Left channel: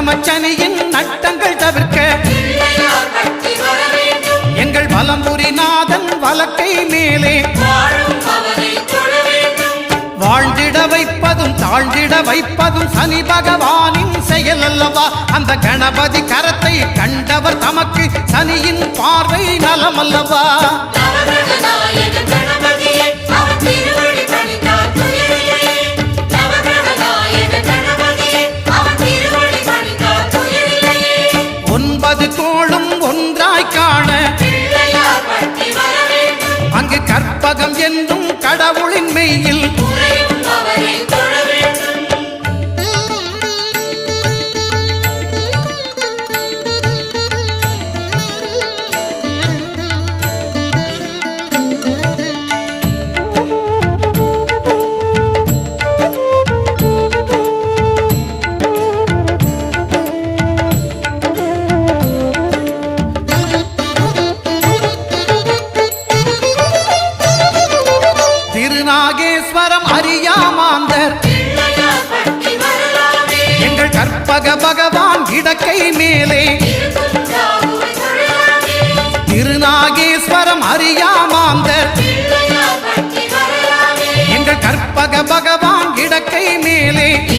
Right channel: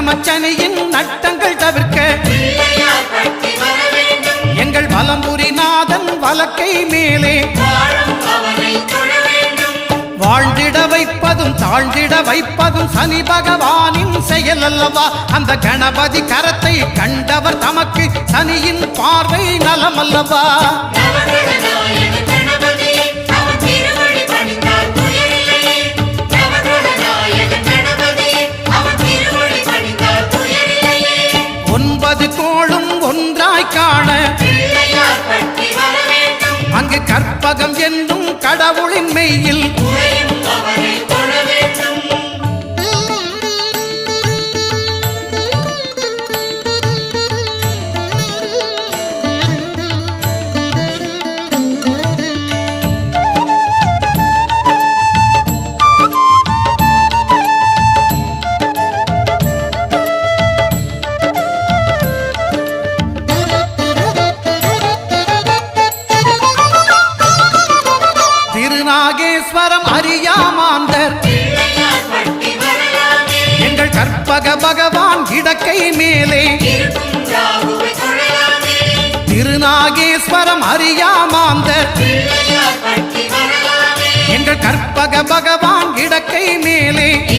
அஷ்டமச்சனியின் நட்டங்கள் தவிர்க்க எங்கள் வலம்புரிநாதன் வலக்கை மேலே வாழ்ந்திட வைப்பதும் தாழ்ந்திட வைப்பதும் சனி பகவானின் செயல் அல்லவா. அந்த கணபதி கரத்தை கண்டவர் தமக்கு சனியின் பார்வை நலம் அல்லவா. ஒன்பது கோளும் ஒன்றாய் காண அங்கு கற்பகம் என்னும் கடவுளின் மெய்யில் திருநாகேஸ்வரம் அறியாமாந்தர் எங்கள் கற்பக பகவான் இடக்கை மேலே திருநாகேஸ்வரம் அறியாமாந்தர் எங்கள் கற்பக பகவான் இடக்கை மேலே